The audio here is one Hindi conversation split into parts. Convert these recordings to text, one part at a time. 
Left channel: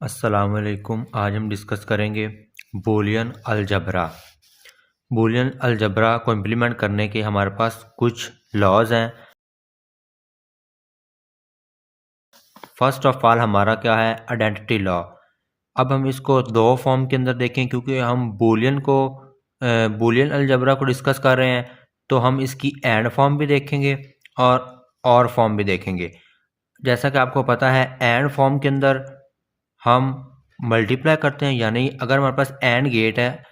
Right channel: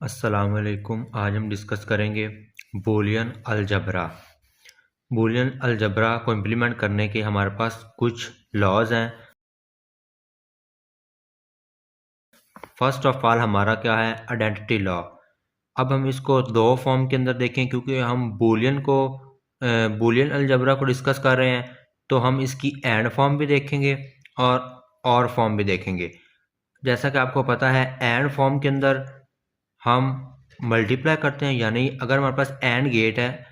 अस्सलाम वालेकुम। आज हम डिस्कस करेंगे बूलियन अलजबरा। बूलियन अलजबरा को इम्प्लीमेंट करने के हमारे पास कुछ लॉज हैं। फर्स्ट ऑफ ऑल हमारा क्या है, आइडेंटिटी लॉ। अब हम इसको दो फॉर्म के अंदर देखें, क्योंकि हम बूलियन अलजबरा को डिस्कस कर रहे हैं, तो हम इसकी एंड फॉर्म भी देखेंगे और फॉर्म भी देखेंगे। जैसा कि आपको पता है, एंड फॉर्म के अंदर हम मल्टीप्लाई करते हैं, यानी अगर हमारे पास एंड गेट है,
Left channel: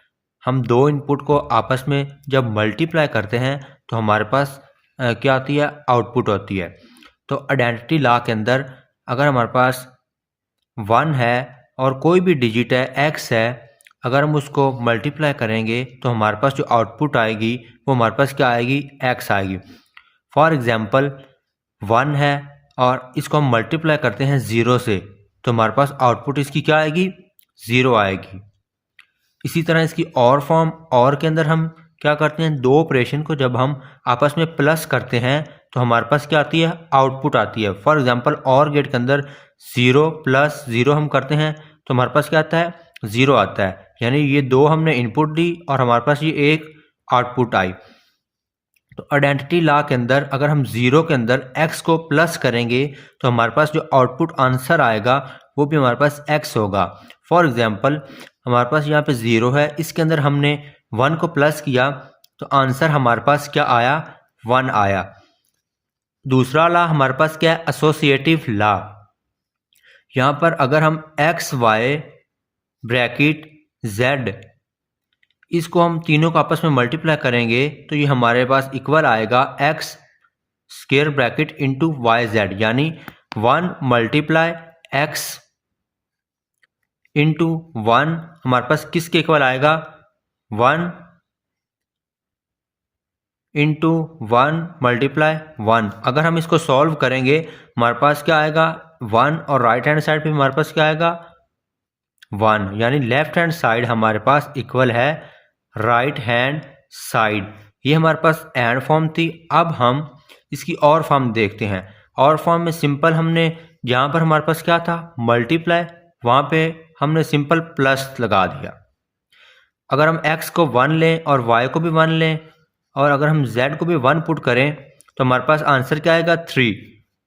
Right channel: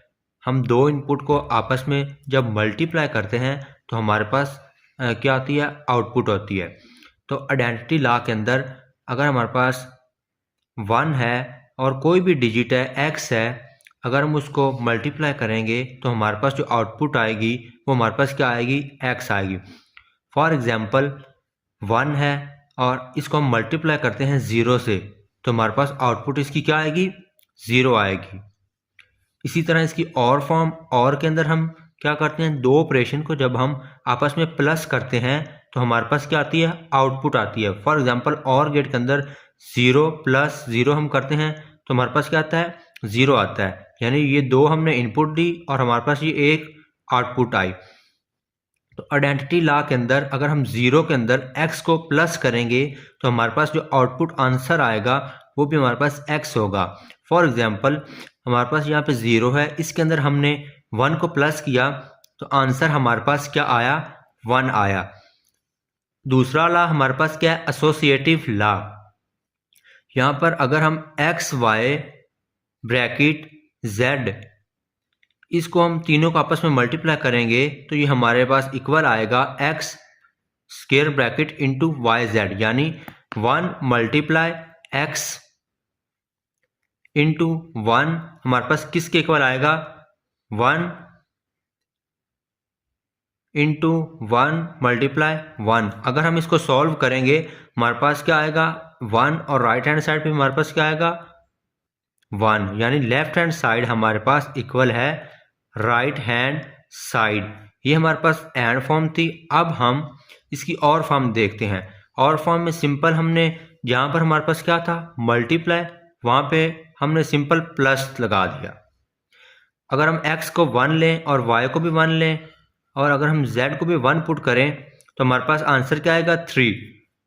हम दो इनपुट को आपस में जब मल्टीप्लाई करते हैं तो हमारे पास क्या आती है, आउटपुट होती है। तो आइडेंटिटी लॉ के अंदर अगर हमारे पास 1 है और कोई भी डिजिट है, x है, अगर हम उसको मल्टीप्लाई करेंगे तो हमारे पास जो आउटपुट आएगी वो हमारे पास क्या आएगी, x आएगी। फॉर एग्जांपल 1 है और इसको हम मल्टीप्लाई करते हैं 0 से, तो हमारे पास आउटपुट इसकी क्या आएगी, 0 आएगी। इसी तरह इसकी और फॉर्म, और के अंदर हम क्या करते हैं, दो ऑपरेशन को जब हम आपस में प्लस करते हैं तो हमारे पास क्या आती है, आउटपुट आती है। फॉर एग्जांपल और गेट के अंदर 0 + 0 हम करते हैं तो हमारे पास क्या आता है, 0 आता है। यानी ये दो हमने इनपुट दी और हमारे पास ये एक आउटपुट आई। तो आइडेंटिटी लॉ के अंदर अगर हम 0 के अंदर x को प्लस करेंगे तो हमारे पास जो आउटपुट आंसर आएगा वो भी हमारे पास x होगा। फॉर एग्जांपल हमारे पास यहाँ पे 0 है, इसके अंदर हमने 1 को प्लस किया तो आंसर हमारे पास क्या आया, 1 आया। दूसरा लॉ हमारे पास क्या है, एसोसिएटिव लॉ। यहाँ पर अगर हम x y ब्रैकेट z, इसको हम तीनों को आपस में मल्टीप्लाई करेंगे तो ये हमारे पास इक्वल आएगा x square bracket into Y Z, यानी 1 मल्टीप्लाई x इंटू 1 हमारे पास किसके इक्वल आएगा, 1 इंटू 1 मल्टीप्लाई 1। अगर हम इसको सॉल्व करेंगे हमारे पास क्या आएगा, 1, और राइट हैंड साइड पे हमारे पास क्या आएगा, 1, यानी लेफ्ट हैंड साइड हमारे पास इक्वल है राइट हैंड साइड। ये हमारे पास एंड फॉर्म थी। अब हम इसकी और फॉर्म देखते हैं। और फॉर्म में सिंपल हमने, जहाँ पर हमारे पास क्या था, मल्टीप्लाई, वहाँ पे हमने सिंपल प्लस लगा दिया। अगर हम x को 1 लें और y को भी 1 लें और अगर हम z को भी 1 पुट करें तो हमारे पास आंसर क्या आएगा, 3।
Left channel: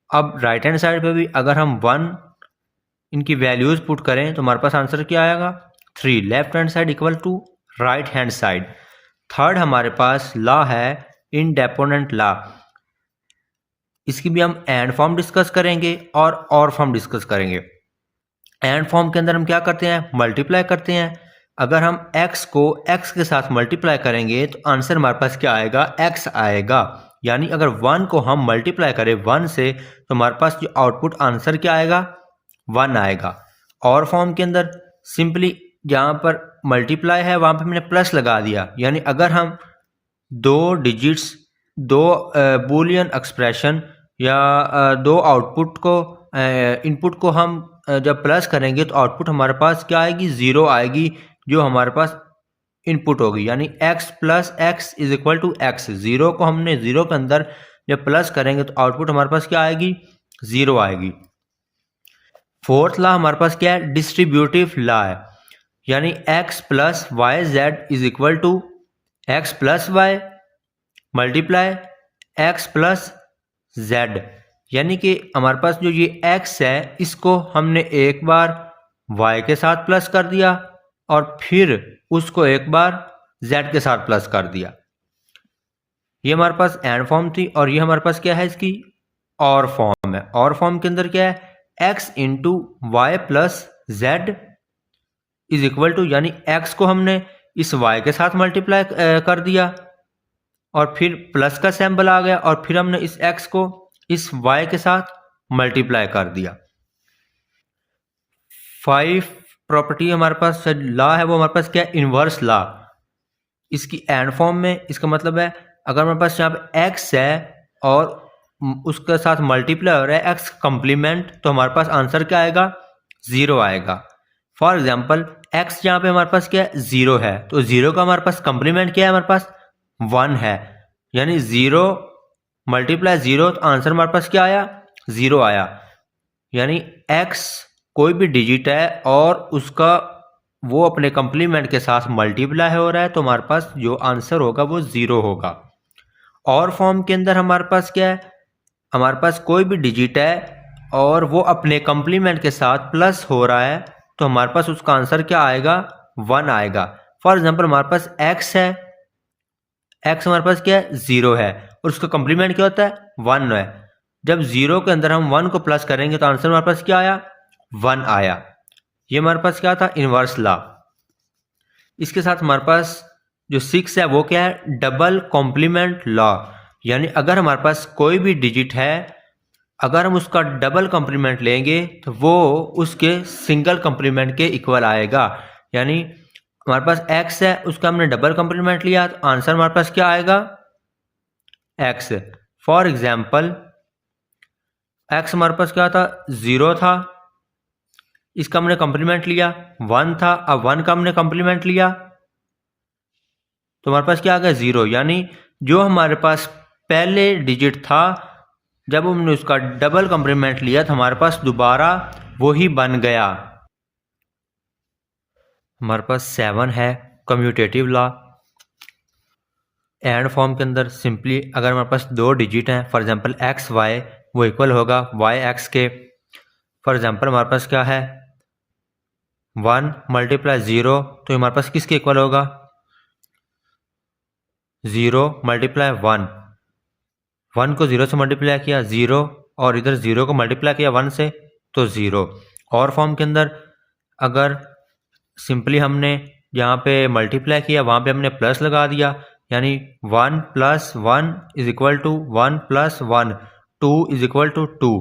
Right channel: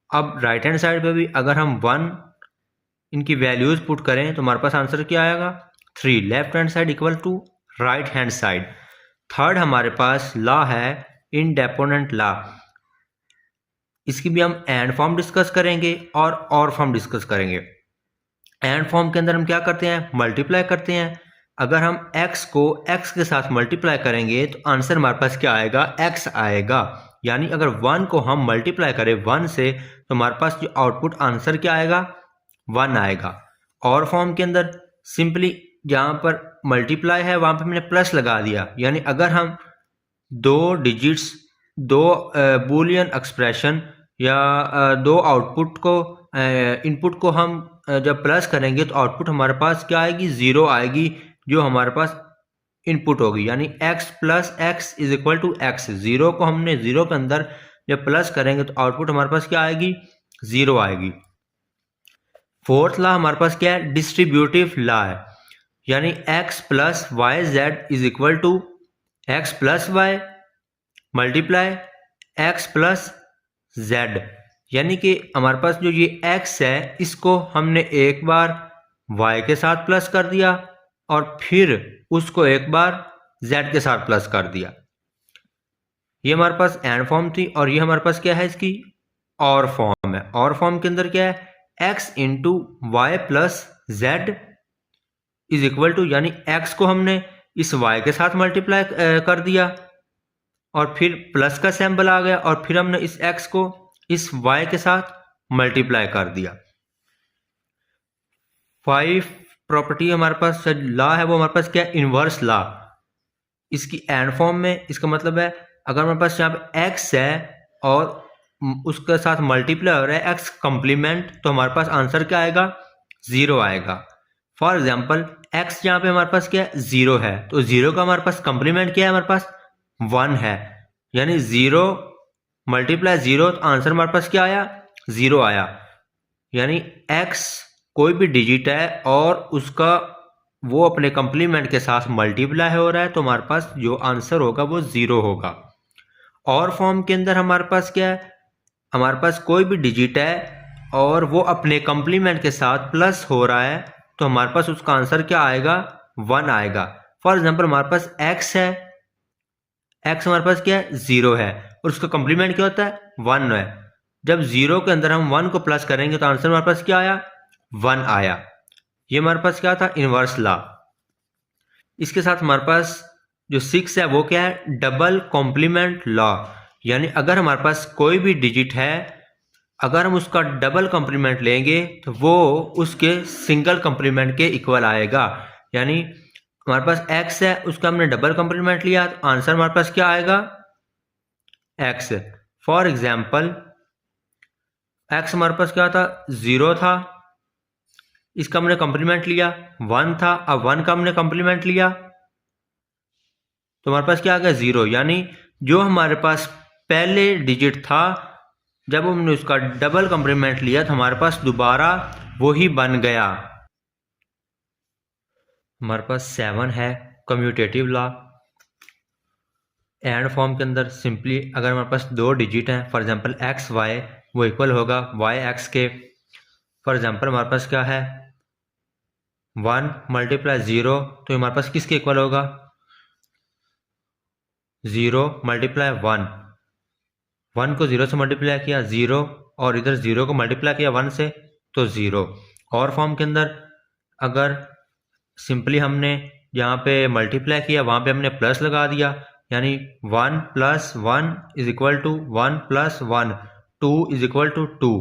अब राइट हैंड साइड पे भी अगर हम 1 इनकी वैल्यूज पुट करें तो हमारे पास आंसर क्या आएगा, 3। Left hand side equal to right hand side. Third हमारे पास लॉ है इंडेपेंडेंट लॉ। इसकी भी हम एंड फॉर्म डिस्कस करेंगे और फॉर्म डिस्कस करेंगे। एंड फॉर्म के अंदर हम क्या करते हैं, मल्टीप्लाई करते हैं। अगर हम x को x के साथ मल्टीप्लाई करेंगे तो आंसर हमारे पास क्या आएगा, x आएगा। यानी अगर 1 को हम मल्टीप्लाई करें 1 से तो हमारे पास जो आउटपुट आंसर क्या आएगा, 1 आएगा। और फॉर्म के अंदर सिंपली जहाँ पर मल्टीप्लाई है वहाँ पे मैंने प्लस लगा दिया। यानी अगर हम दो डिजिट्स, दो बूलियन एक्सप्रेशन या दो आउटपुट को, इनपुट को हम जब प्लस करेंगे तो आउटपुट हमारे पास क्या आएगी, 0 आएगी, जो हमारे पास इनपुट होगी। यानी x + x = x। 0 को हमने 0 के अंदर जब प्लस करेंगे तो आउटपुट हमारे पास क्या आएगी, 0 आएगी। फोर्थ लॉ हमारे पास क्या है, डिस्ट्रीब्यूटिव लॉ है। यानी x + yz = x + y multiply x + z। यानी कि हमारे पास जो ये x है इसको हमने एक बार y के साथ प्लस कर दिया और फिर उसको एक बार z के साथ प्लस कर दिया। ये हमारे पास एंड फॉर्म थी। और ये हमारे पास क्या है, इसकी और फॉर्म है। और फॉर्म के अंदर क्या है, x × y + z = यानी x को हमने इस y के साथ मल्टीप्लाई कर दिया और फिर प्लस का सिंबल आ गया और फिर हमने इस x को इस y के साथ मल्टीप्लाई कर दिया। 5 प्रॉपर्टी हमारे पास लॉ है, वो हमारे पास क्या है, इनवर्स लॉ। इसकी एंड फॉर्म में इसका मतलब है, अगर हमारे पास यहाँ पे x है और उसके साथ मल्टीप्लाई हो रहा है x कंप्लीमेंट, तो हमारे पास आंसर क्या आएगा, 0 आएगा। फॉर एग्जाम्पल x यहाँ पे हमारे पास क्या है, 0 है, तो 0 का हमारे पास कंप्लीमेंट क्या है, हमारे पास 1 है। यानी 0 × 0, तो आंसर हमारे पास क्या आया, 0 आया। यानी x कोई भी डिजिट है और उसका वो अपने कंप्लीमेंट के साथ मल्टीप्लाई हो रहा है तो हमारे पास जो आंसर होगा वो 0 होगा। और फॉर्म के अंदर हमारे पास क्या है, हमारे पास कोई भी डिजिट है और वो अपने कंप्लीमेंट के साथ प्लस हो रहा है तो हमारे पास उसका आंसर क्या आएगा, 1 आएगा। फॉर एग्जांपल हमारे पास x है, x हमारे पास क्या है, 0 है और उसका कंप्लीमेंट क्या होता है, 1 है। जब 0 के अंदर हम 1 को प्लस करेंगे तो आंसर हमारे पास क्या आया, 1 आया। ये हमारे पास क्या था, इनवर्स लॉ। इसके साथ हमारे पास जो 6 है वो क्या है, डबल कॉम्प्लीमेंट लॉ। यानी अगर हमारे पास कोई भी डिजिट है, अगर हम उसका डबल कॉम्प्लीमेंट लेंगे तो वो उसके सिंगल कॉम्प्लीमेंट के इक्वल आएगा। यानी हमारे पास x है, उसका हमने डबल कॉम्प्लीमेंट लिया तो आंसर हमारे पास क्या आएगा, x। फॉर एग्जाम्पल x हमारे पास क्या था, 0 था, इसका हमने कॉम्प्लीमेंट लिया 1 था, अब 1 का हमने कॉम्प्लीमेंट लिया तो हमारे पास क्या आ गया, 0। यानी जो हमारे पास पहले डिजिट था, जब हमने उसका डबल कॉम्प्लीमेंट लिया तो हमारे पास दोबारा वही बन गया। हमारे पास 7 है, कम्यूटेटिव लॉ। एंड फॉर्म के अंदर सिंपली अगर हमारे पास दो डिजिट हैं, फॉर एग्जांपल एक्स वाई, वो इक्वल होगा वाई एक्स के। फॉर एग्जांपल हमारे पास क्या है, 1 मल्टीप्लाई 0, तो हमारे पास किसके इक्वल होगा, 0 मल्टीप्लाई 1। 1 को 0 से मल्टीप्लाई किया 0, और इधर 0 को मल्टीप्लाई किया 1 से तो 0। और फॉर्म के अंदर अगर सिंपली हमने यहाँ पे मल्टीप्लाई किया, वहाँ पे हमने प्लस लगा दिया, यानी 1 plus 1 is equal to 1 plus 1, 2 is equal to 2।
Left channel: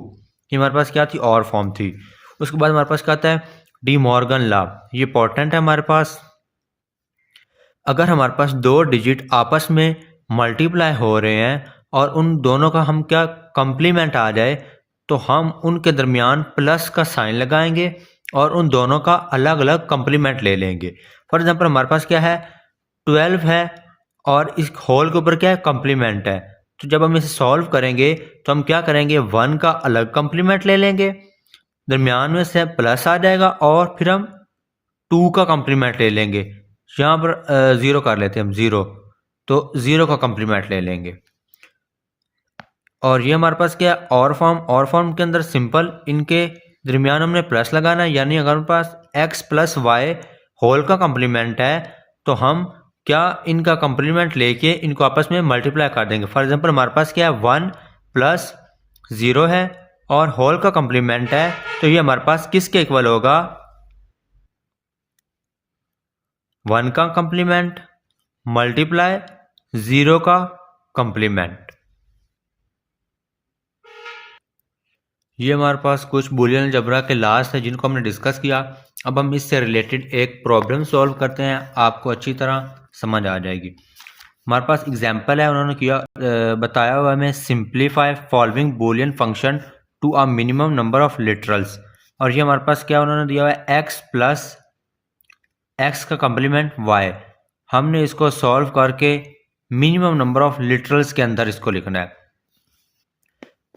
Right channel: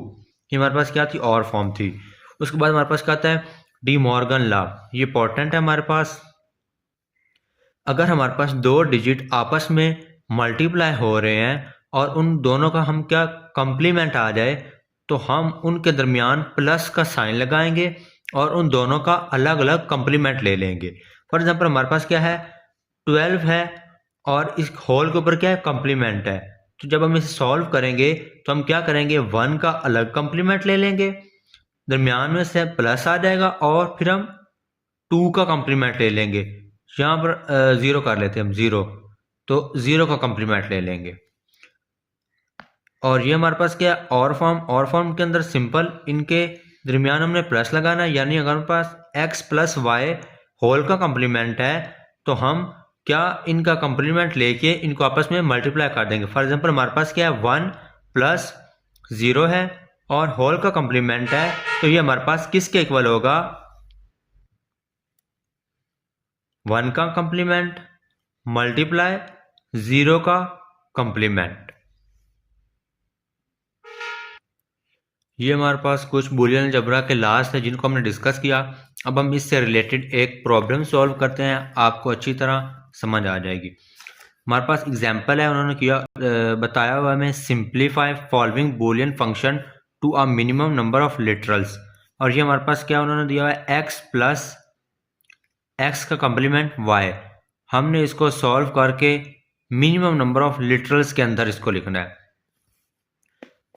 ये हमारे पास क्या थी, और फॉर्म थी। उसके बाद हमारे पास क्या आता है, डी मॉर्गन लॉ। ये इंपॉर्टेंट है हमारे पास। अगर हमारे पास दो डिजिट आपस में मल्टीप्लाई हो रहे हैं और उन दोनों का हम क्या कंप्लीमेंट आ जाए, तो हम उनके दरमियान प्लस का साइन लगाएंगे और उन दोनों का अलग अलग कंप्लीमेंट ले लेंगे। फॉर एग्जांपल हमारे पास क्या है, 12 है और इस होल के ऊपर क्या है, कंप्लीमेंट है। तो जब हम इसे सॉल्व करेंगे तो हम क्या करेंगे, 1 का अलग कंप्लीमेंट ले लेंगे, दरमियान में से प्लस आ जाएगा, और फिर हम 2 का कंप्लीमेंट ले लेंगे। यहाँ पर 0 कर लेते हैं हम, 0, तो 0 का कंप्लीमेंट ले लेंगे। और ये हमारे पास क्या है, और फॉर्म के अंदर सिंपल इनके दरमियान हमने प्लस लगाना है। यानी अगर हमारे पास x प्लस वाई होल का कंप्लीमेंट है तो हम क्या इनका कंप्लीमेंट लेके इनको आपस में मल्टीप्लाई कर देंगे। फॉर एग्जांपल हमारे पास क्या है, 1 प्लस 0 है और होल का कंप्लीमेंट है, तो ये हमारे पास किसके इक्वल होगा, 1 का कंप्लीमेंट मल्टीप्लाई 0 का कंप्लीमेंट। ये हमारे पास कुछ बूलियन अलजेब्रा के लास्ट है जिनको हमने डिस्कस किया। अब हम इससे रिलेटेड एक प्रॉब्लम सॉल्व करते हैं, आपको अच्छी तरह समझ आ जाएगी। हमारे पास एग्जांपल है, उन्होंने किया बताया हुआ हमें, simplify following Boolean function to a minimum number of literals. और ये हमारे पास क्या उन्होंने दिया हुआ है, एक्स प्लस एक्स का कंप्लीमेंट वाई। हमने इसको सॉल्व करके मिनिमम नंबर ऑफ लिटरल्स के अंदर इसको लिखना है।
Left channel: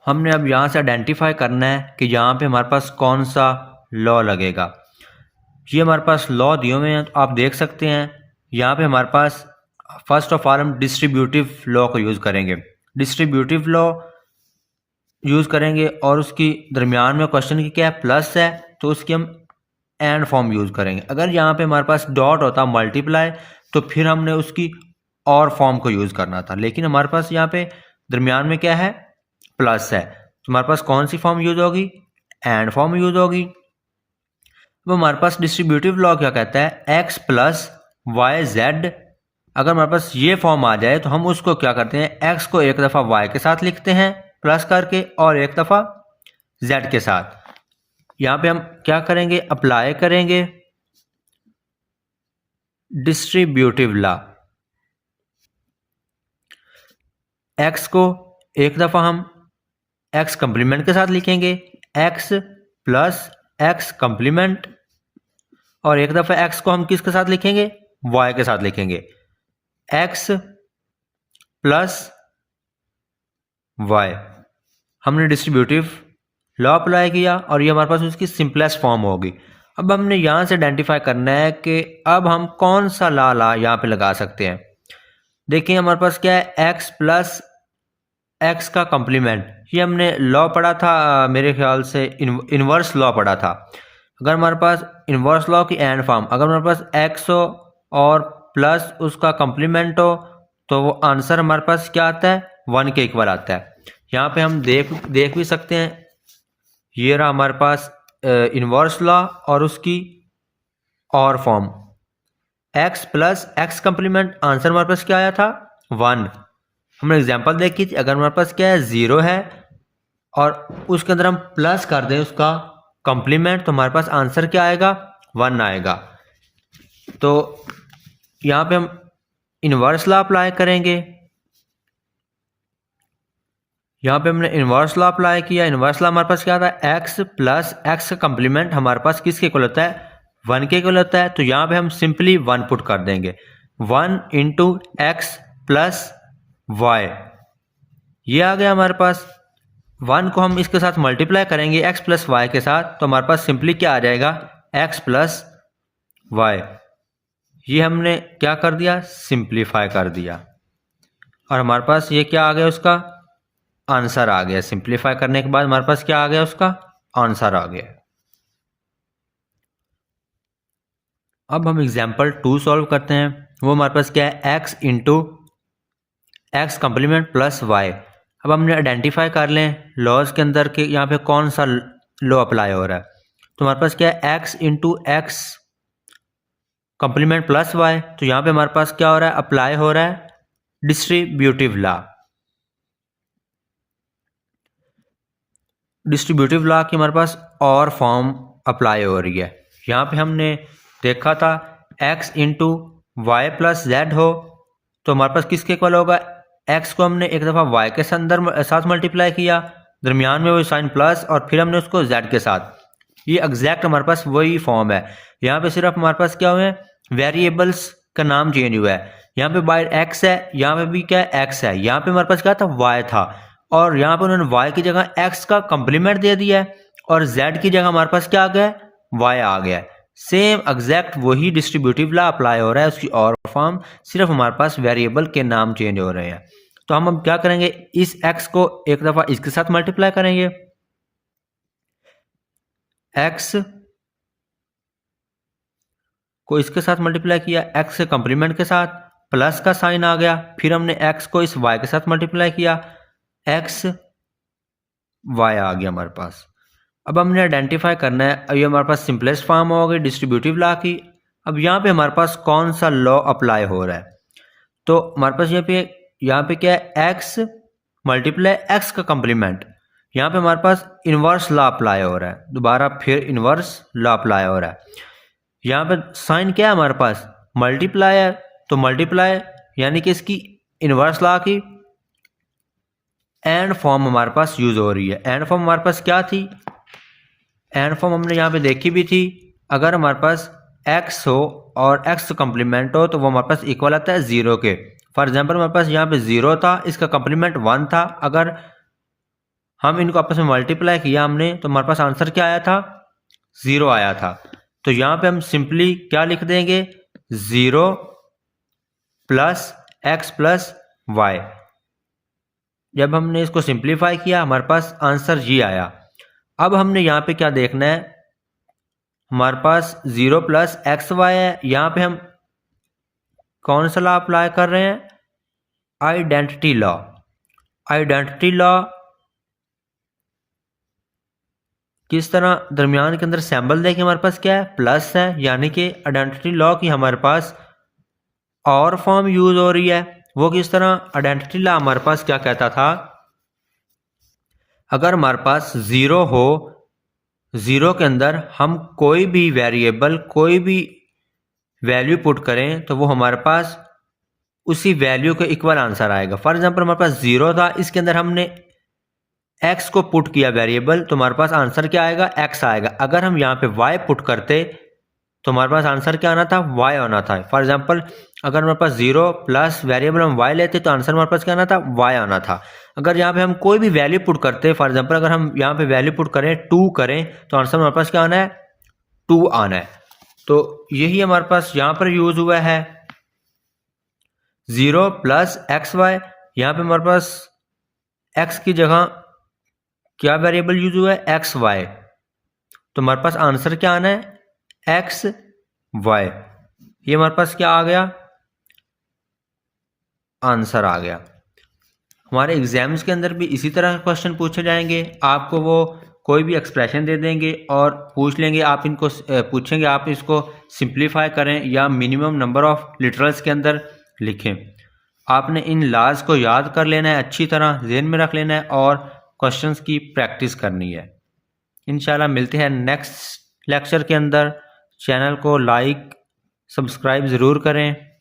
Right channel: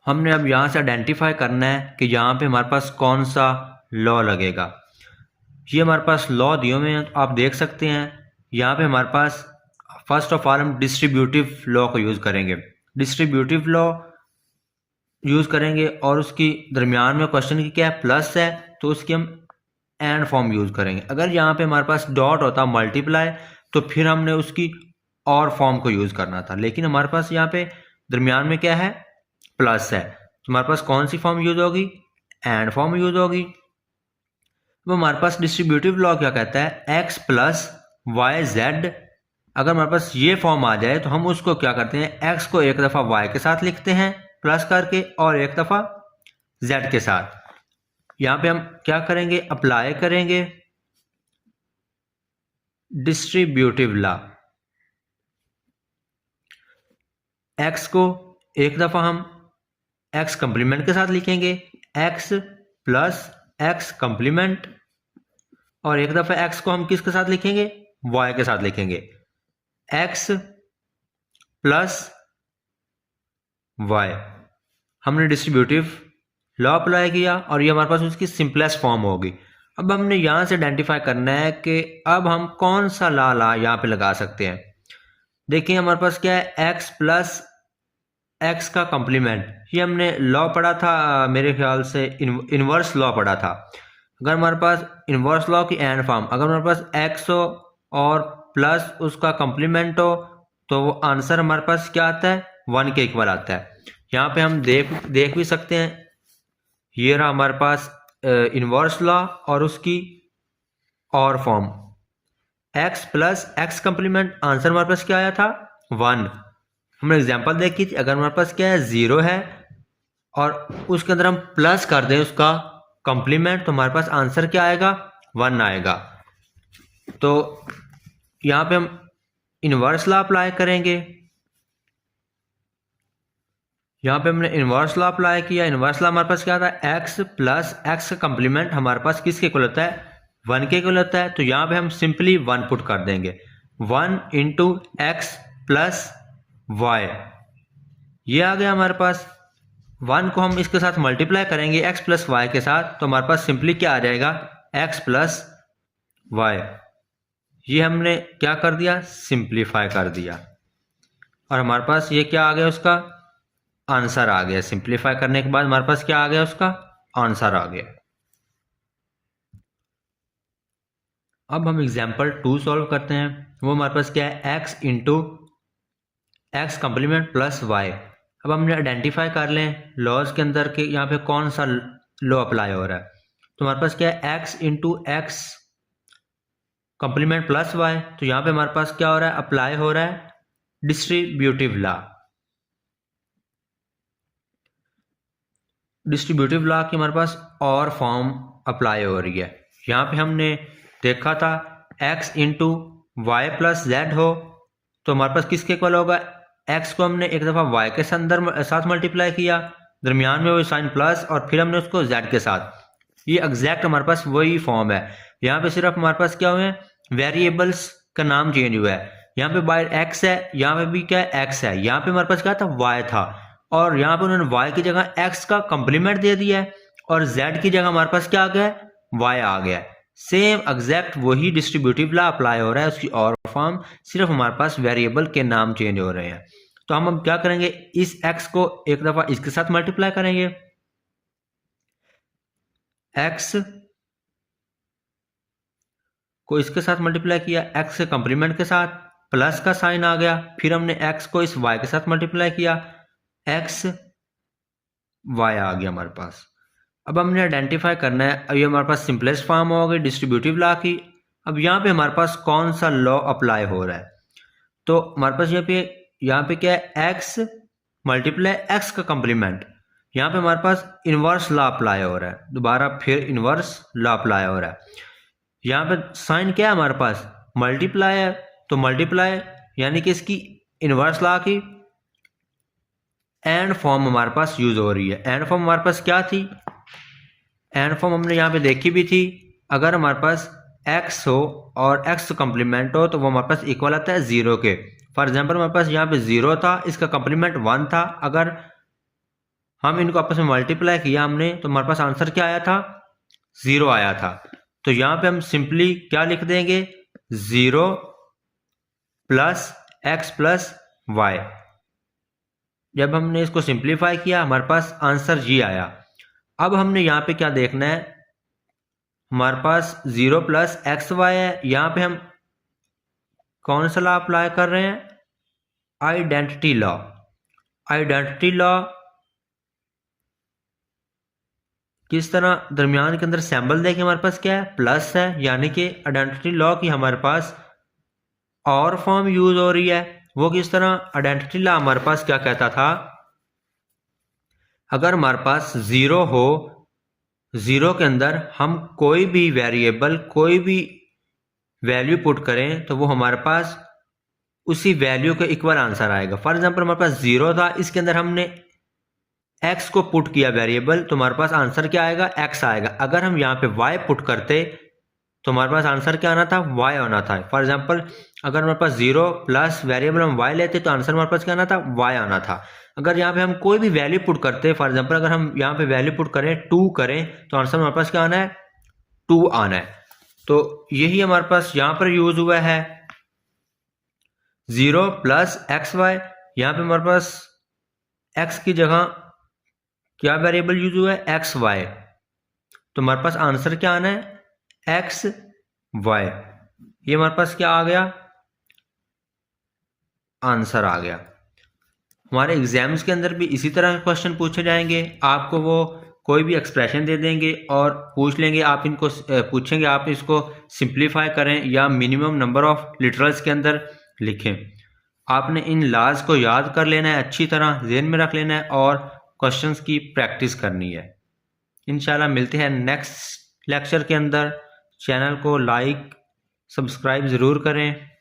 हमने अब यहाँ से आइडेंटिफाई करना है कि यहाँ पे हमारे पास कौन सा लॉ लगेगा। ये हमारे पास लॉ दिए हुए हैं, तो आप देख सकते हैं यहाँ पे हमारे पास फर्स्ट ऑफ ऑल हम डिस्ट्रीब्यूटिव लॉ को यूज़ करेंगे। डिस्ट्रीब्यूटिव लॉ यूज़ करेंगे और उसकी दरमियान में क्वेश्चन की क्या है, प्लस है, तो उसकी हम एंड फॉर्म यूज़ करेंगे। अगर यहाँ पे हमारे पास डॉट होता मल्टीप्लाई, तो फिर हमने उसकी और फॉर्म को यूज़ करना था, लेकिन हमारे पास यहाँ पे दरमियान में क्या है, प्लस है, तो हमारे पास कौन सी फॉर्म यूज होगी, एंड फॉर्म यूज होगी। तो हमारे पास डिस्ट्रीब्यूटिव लॉ क्या कहता है, एक्स प्लस वाई जेड। अगर हमारे पास ये फॉर्म आ जाए तो हम उसको क्या करते हैं, एक्स को एक दफ़ा वाई के साथ लिखते हैं प्लस करके और एक दफ़ा जेड के साथ। यहाँ पे हम क्या करेंगे, अप्लाई करेंगे डिस्ट्रीब्यूटिव लॉ। एक्स को एक दफ़ा हम एक्स कंप्लीमेंट के साथ लिखेंगे, एक्स प्लस एक्स कंप्लीमेंट, और एक दफ़ा एक्स को हम किसके साथ लिखेंगे, वाई के साथ लिखेंगे, एक्स प्लस वाई। हमने डिस्ट्रीब्यूटिव लॉ अप्लाई किया और ये हमारे पास उसकी सिंपलेस्ट फॉर्म होगी। अब हमने यहाँ से आइडेंटिफाई करना है कि अब हम कौन सा ला यहाँ पे लगा सकते हैं। देखिए हमारे पास क्या है, x प्लस एक्स का कम्प्लीमेंट, ये हमने लॉ पढ़ा था, मेरे ख्याल से इन्वर्स लॉ पढ़ा था। अगर हमारे पास इन्वर्स लॉ की एंड फॉर्म, अगर हमारे पास x हो और प्लस उसका कम्प्लीमेंट हो तो वो आंसर हमारे पास क्या आता है, 1 के इक्वल आता है। यहाँ पे हम देख भी सकते हैं, ये रहा हमारे पास इन्वर्स लॉ और उसकी और form, x plus x complement, answer हमारे पास क्या आया था, 1। हमने एग्जांपल देखी थी, अगर हमारे पास क्या है 0 है और उसके अंदर हम प्लस कर दें उसका कॉम्प्लीमेंट तो हमारे पास आंसर क्या आएगा, 1 आएगा। तो यहाँ पे हम इन्वर्स लॉ अप्लाई करेंगे। यहाँ पे हमने इन्वर्स लॉ अप्लाई किया, इन्वर्स लॉ हमारे पास क्या था, x प्लस एक्स का कम्प्लीमेंट हमारे पास किसके इक्वल होता है, 1 के इक्वल होता है। तो यहाँ पे हम सिंपली 1 पुट कर देंगे, 1 इंटू एक्स प्लस वाई, ये आ गया हमारे पास। 1 को हम इसके साथ मल्टीप्लाई करेंगे x प्लस वाई के साथ तो हमारे पास सिंपली क्या आ जाएगा, x प्लस वाई। ये हमने क्या कर दिया, सिंप्लीफाई कर दिया और हमारे पास ये क्या आ गया, उसका आंसर आ गया। सिंप्लीफाई करने के बाद हमारे पास क्या आ गया, उसका आंसर आ गया। अब हम एग्जाम्पल 2 सॉल्व करते हैं। वो हमारे पास क्या है, x into X complement plus Y. अब हमने आइडेंटिफाई कर लें लॉज के अंदर के यहाँ पे कौन सा लॉ अप्लाई हो रहा है। तो हमारे पास क्या है, x into X complement plus Y, तो यहाँ पे हमारे पास क्या हो रहा है, अप्लाई हो रहा है डिस्ट्रीब्यूटिव लॉ। डिस्ट्रीब्यूटिव लॉ की हमारे पास और फॉर्म अप्लाई हो रही है। यहाँ पे हमने देखा था x into Y plus Z हो तो हमारे पास किसके इक्वल होगा, x को हमने एक दफ़ा y के साथ मल्टीप्लाई किया, दरमियान में वो साइन प्लस और फिर हमने उसको z के साथ, ये एग्जैक्ट हमारे पास वही फॉर्म है। यहाँ पे सिर्फ हमारे पास क्या हुआ है, वेरिएबल्स का नाम चेंज हुआ है। यहाँ पे बाय x है, यहाँ पे भी क्या है, x है। यहाँ पे हमारे पास क्या था, y था और यहाँ पे उन्होंने y की जगह x का कम्प्लीमेंट दे दिया है और z की जगह हमारे पास क्या आ गया, y आ गया। सेम एग्जैक्ट वही डिस्ट्रीब्यूटिव लॉ अप्लाई हो रहा है, उसकी और फॉर्म, सिर्फ हमारे पास वेरिएबल के नाम चेंज हो रहे हैं। तो हम क्या करेंगे, इस x को एक दफा इसके साथ मल्टीप्लाई करेंगे, x को इसके साथ मल्टीप्लाई किया, x के कम्प्लीमेंट के साथ, प्लस का साइन आ गया, फिर हमने x को इस y के साथ मल्टीप्लाई किया, x y आ गया हमारे पास। अब हमने आइडेंटिफाई करना है, अब ये हमारे पास सिंपलेस्ट फॉर्म हो गई डिस्ट्रीब्यूटिव लॉ की। अब यहाँ पे हमारे पास कौन सा लॉ अप्लाई हो रहा है, तो हमारे पास यहाँ पे क्या है, x मल्टीप्लाई x का कम्प्लीमेंट, यहाँ पे हमारे पास इन्वर्स लॉ अप्लाई हो रहा है, दोबारा फिर इन्वर्स लॉ अप्लाई हो रहा है। यहाँ पे साइन क्या है हमारे पास, मल्टीप्लाई है, तो मल्टीप्लाई यानी कि इसकी इन्वर्स लॉ की एंड फॉर्म हमारे पास यूज हो रही है। एंड फॉर्म हमारे पास क्या थी, एंड फॉर्म हमने यहाँ पे देखी भी थी, अगर हमारे पास x हो और x कम्प्लीमेंट हो तो वो हमारे पास इक्वल आता है 0 के। फॉर एग्जांपल हमारे पास यहाँ पे 0 था, इसका कम्प्लीमेंट 1 था, अगर हम इनको आपस में मल्टीप्लाई किया हमने तो हमारे पास आंसर क्या आया था, 0 आया था। तो यहाँ पे हम सिंपली क्या लिख देंगे, 0 प्लस एक्स प्लस वाई। जब हमने इसको सिंप्लीफाई किया हमारे पास आंसर जी आया। अब हमने यहाँ पे क्या देखना है, हमारे पास 0 प्लस एक्स वाई है, यहाँ पे हम कौन सा लॉ अप्लाई कर रहे हैं, आइडेंटिटी लॉ। आइडेंटिटी लॉ किस तरह, दरमियान के अंदर सिंबल देखें हमारे पास क्या है, प्लस है, यानी कि आइडेंटिटी लॉ की हमारे पास और फॉर्म यूज हो रही है। वो किस तरह, आइडेंटिटी लॉ हमारे पास क्या कहता था, अगर हमारे पास 0 हो, 0 के अंदर हम कोई भी वेरिएबल कोई भी वैल्यू पुट करें तो वो हमारे पास उसी वैल्यू के इक्वल आंसर आएगा। फॉर एग्जांपल हमारे पास 0 था, इसके अंदर हमने x को पुट किया वेरिएबल तो हमारे पास आंसर क्या आएगा, x आएगा। अगर हम यहाँ पे y पुट करते तो हमारे पास आंसर क्या आना था, y आना था। फॉर एग्जांपल अगर हमारे पास 0 प्लस वेरिएबल हम y लेते तो आंसर हमारे पास क्या आना था, y आना था। अगर यहाँ पे हम कोई भी वैल्यू पुट करते, फॉर एग्जांपल अगर हम यहाँ पे वैल्यू पुट करें 2 करें तो आंसर हमारे पास क्या आना है, 2 आना है। तो यही हमारे पास यहाँ पर यूज हुआ है 0 प्लस एक्स वाई। यहाँ पे हमारे पास x की जगह क्या वेरिएबल यूज हुआ है, एक्स वाई। तो हमारे पास आंसर क्या आना है, एक्स वाई। ये हमारे पास क्या आ गया, आंसर आ गया। हमारे एग्जाम्स के अंदर भी इसी तरह क्वेश्चन पूछे जाएंगे। आपको वो कोई भी एक्सप्रेशन दे देंगे और पूछ लेंगे, आप इनको पूछेंगे आप इसको सिंप्लीफाई करें या मिनिमम नंबर ऑफ लिटरल्स के अंदर लिखें। आपने इन लॉज को याद कर लेना है, अच्छी तरह ज़हन में रख लेना है और क्वेश्चंस की प्रैक्टिस करनी है। इंशाल्लाह मिलते हैं नेक्स्ट लेक्चर के अंदर। चैनल को लाइक सब्सक्राइब ज़रूर करें।